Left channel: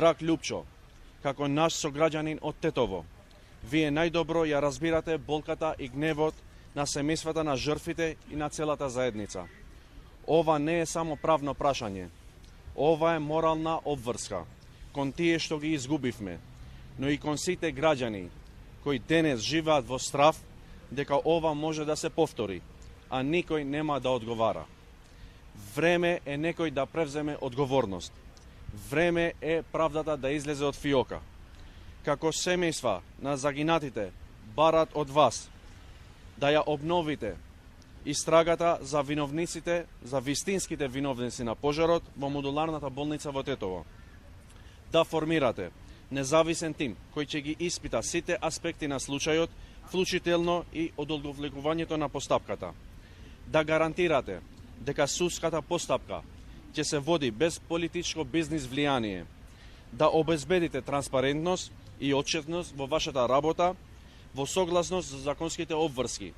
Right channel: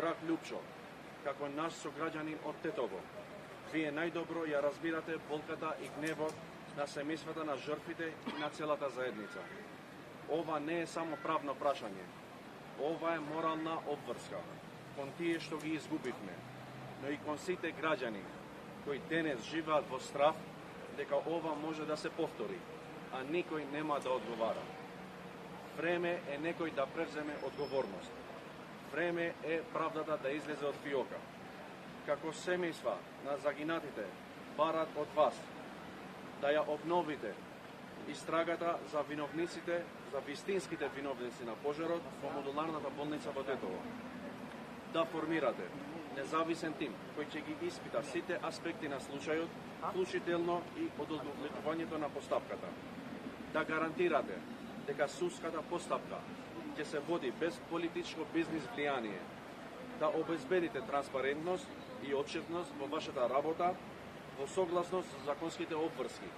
Драг Лјупчо, како наш сограѓанин од Тетово, вие најдобро ја разбирате болката и гневот на семејствата на жртвите и на целата заедница. Ова не е само правно прашање, ова е морална обврска кон тие што ги изгубивме, но и кон сите граѓани кои денес живеат во страв дека ова може да се повтори, а никој нема да одговара. Време е некој да превземе одговорност. Време е правдата да излезе од фиока. Како семејства на загинатите барат од вас да ја обновите истрагата за виновниците, за вистинските виновници на пожарот во модуларната болница во Тетово. Да формирате независен тим кој ќе ги испита сите аспекти на случајот, вклучително и одолговлекувањето на постапката. Да гарантирате дека судската постапка ќе се води без политичко бизнис влијание. Да обезбедите транспарентност и отчетност во вашата работа во согласност со законските обврски